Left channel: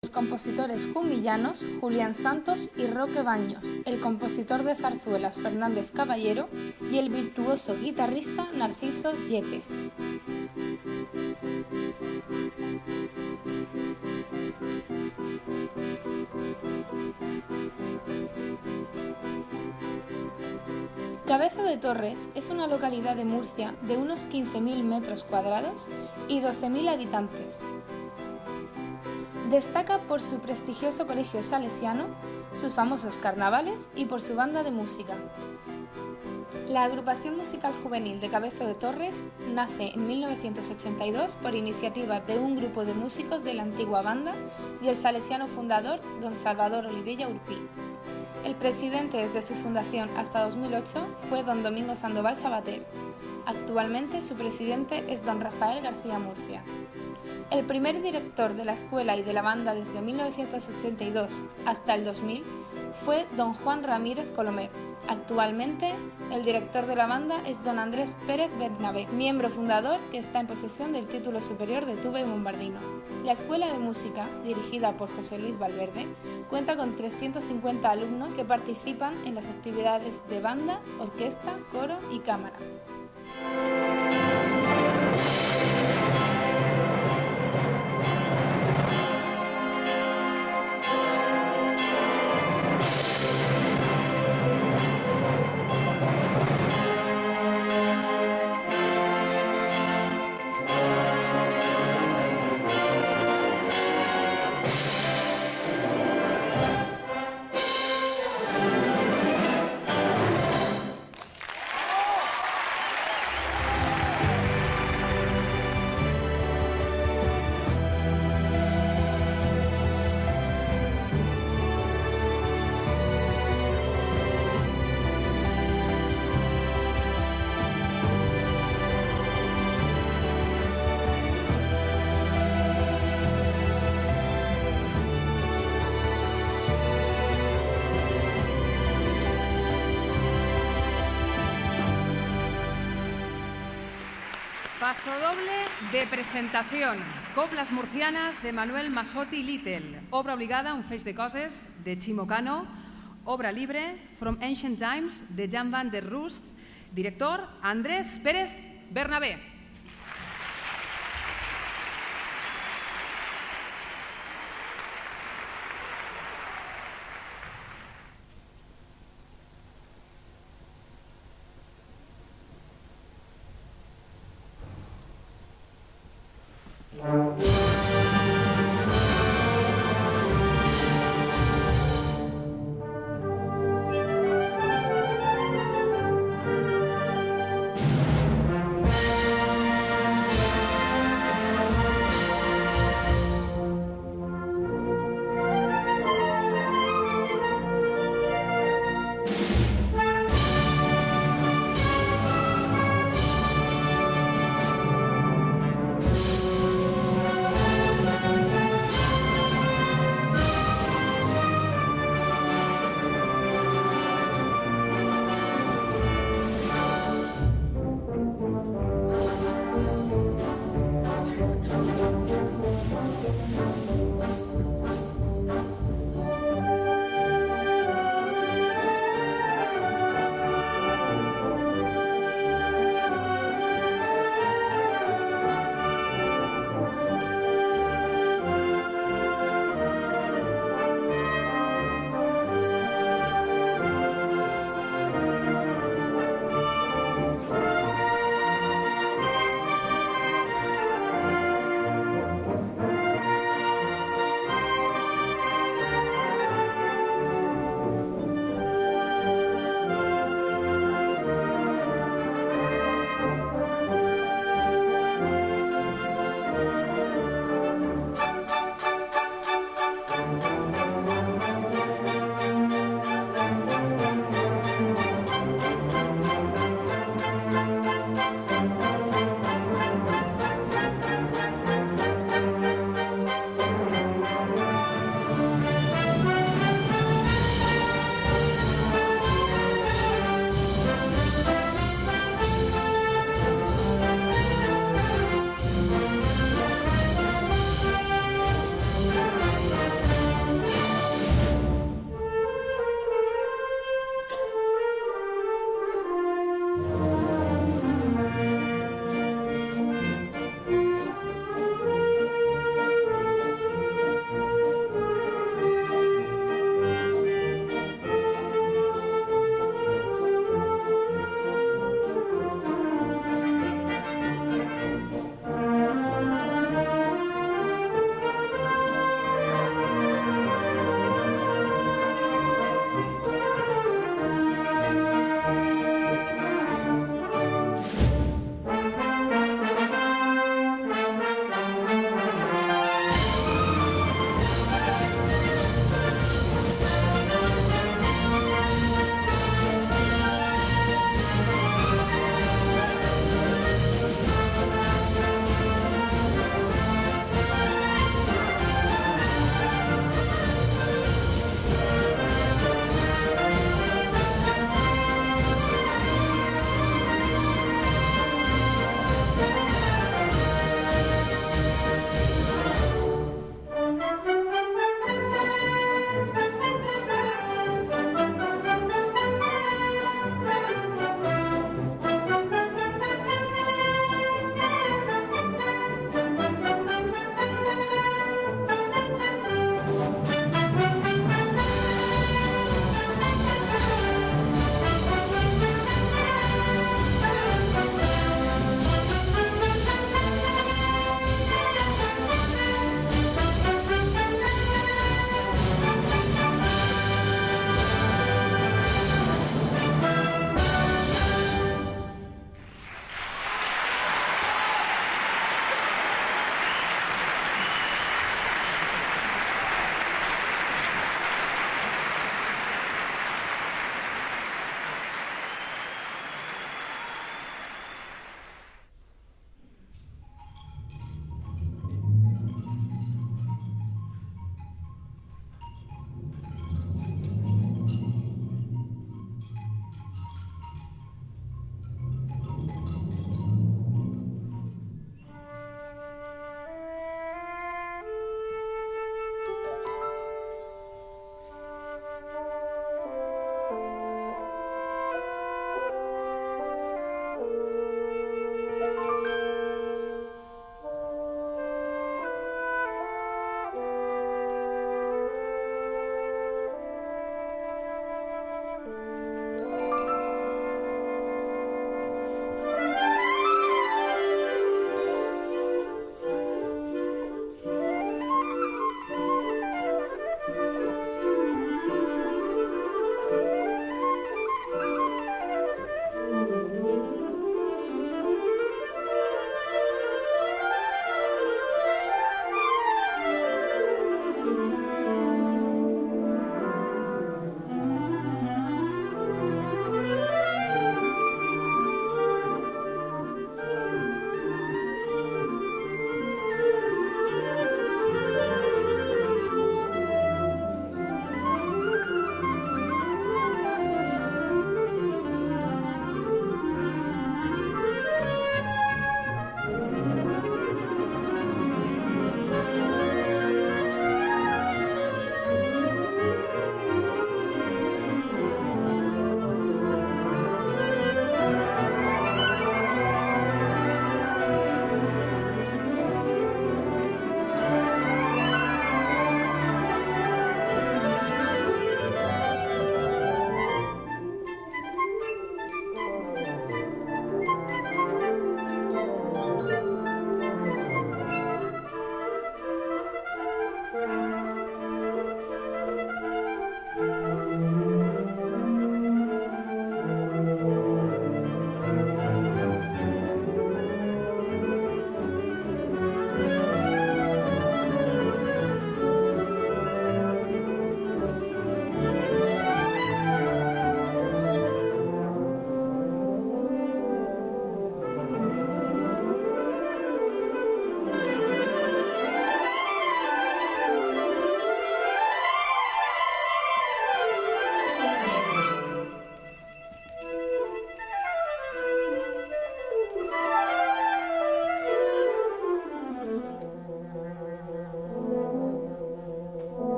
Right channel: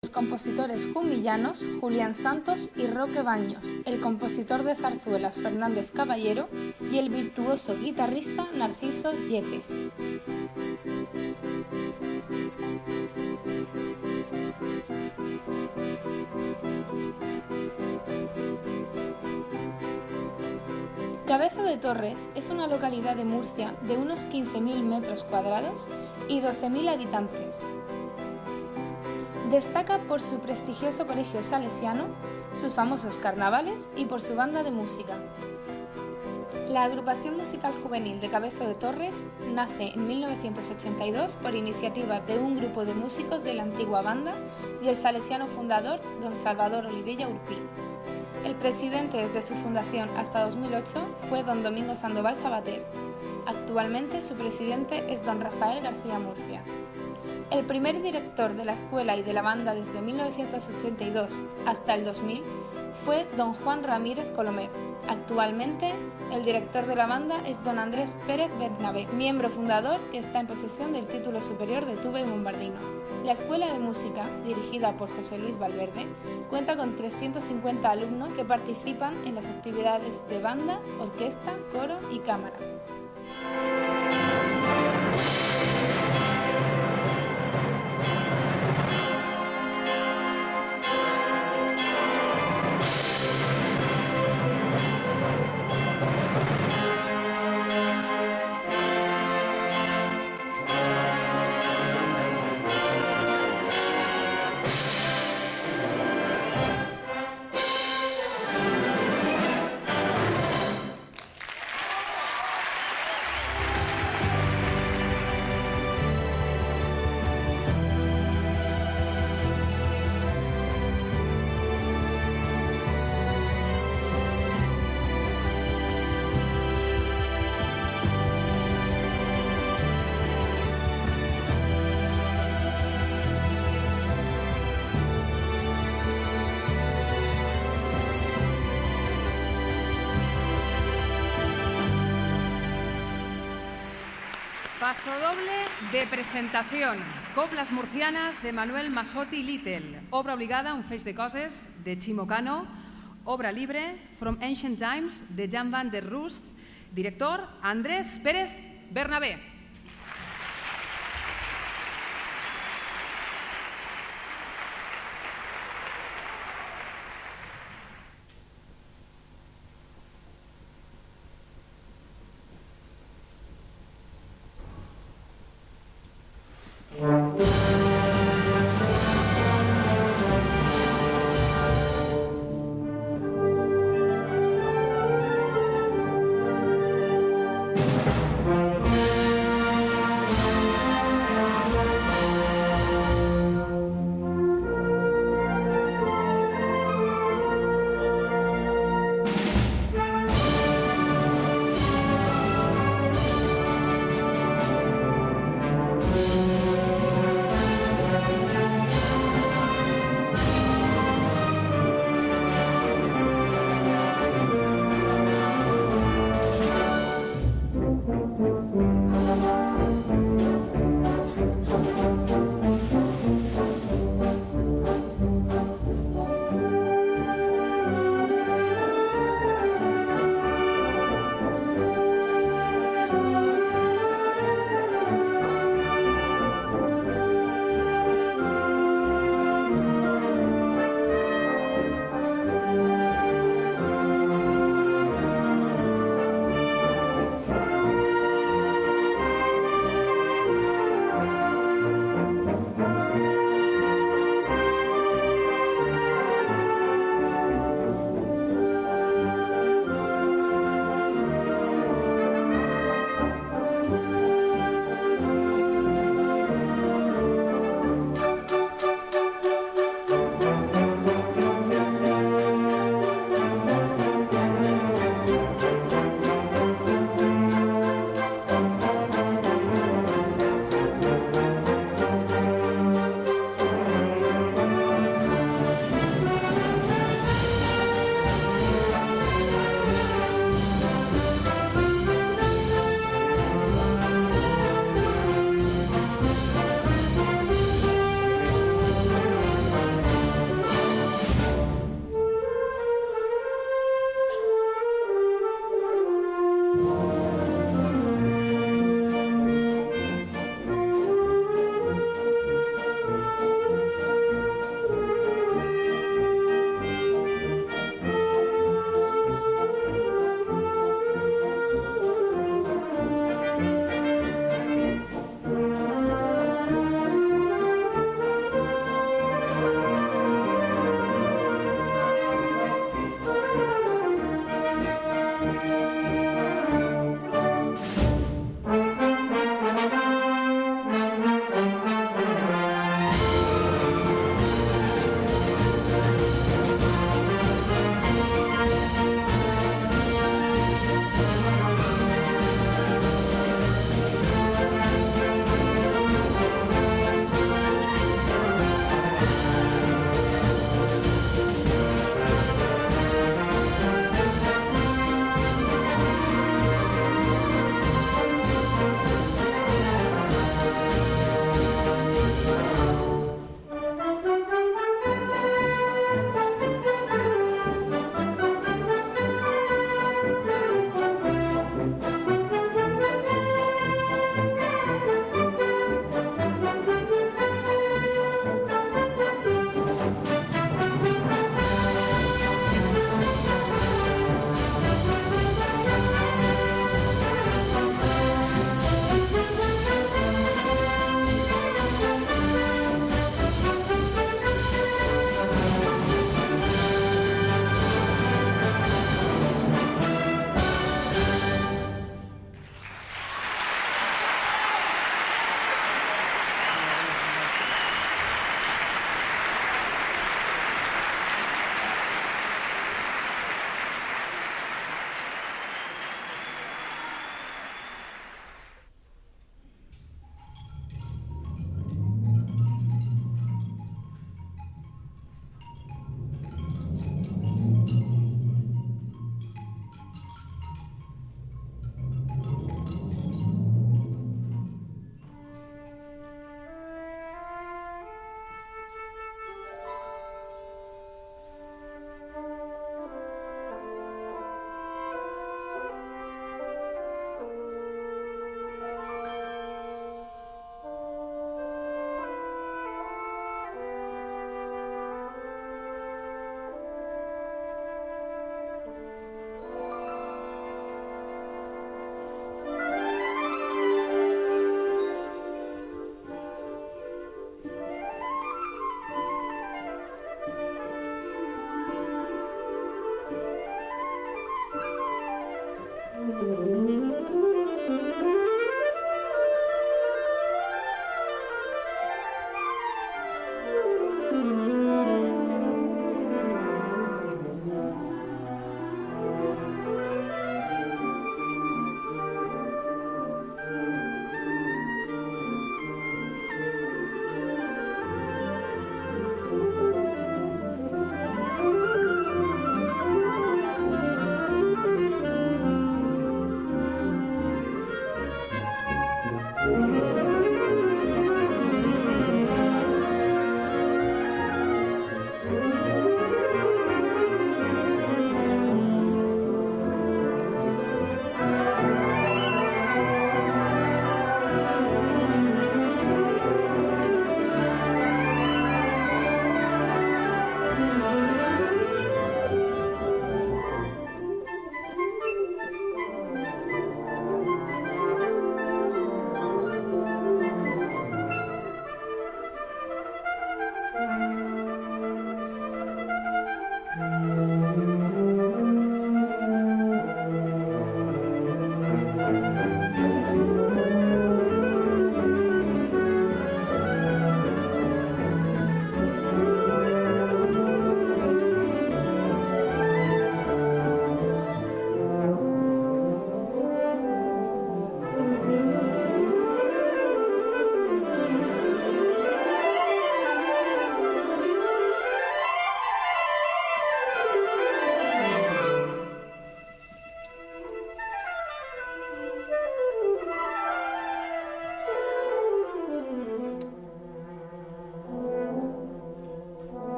Los compositores jumillanos Julián Santos y Roque Baños, el compositor de zarzuelas Fernández Caballero y el virtuoso guitarrista Narciso Yepes. Cabezo de Torres es una localidad de Murcia de unos 15.000 metros cuadrados y 12.000 habitantes. Destaca por su prestigioso colegio salesiano, sus famosos carnavales y por su banda de música. La agrupación musical juvenil de Cabezo de Torres nace en 1982 por iniciativa de un grupo de músicos de la antigua banda y el salesiano fundador don Salvador Olivella Urpí. El presidente desde su fundación hasta 2008 fue don Domingo Sandoval Sabater. Actualmente su presidente es don Rafael García Murcia. El primer director de la escuela y de la banda desde 1982 hasta el 2000 fue don Juan Ramírez Colomer. Actualmente, el director de la banda es don Andrés Pérez Bernabé, miembro fundador que está en posesión del título superior de tuba y bombardino. La Escuela de Música, dirigida por José Luis Valverde, cuenta con 350 alumnos que participan en las actividades de banda, orquesta, coro y cámara. Pasodoble de presentación. Coplas murcianas de Manuel Masotti Little. Obra obligada, Un feix de coses, de Chimo Cano. Obra libre, From Ancient Times, de Jan van der Rust. Director, Andrés Pérez Bernabé.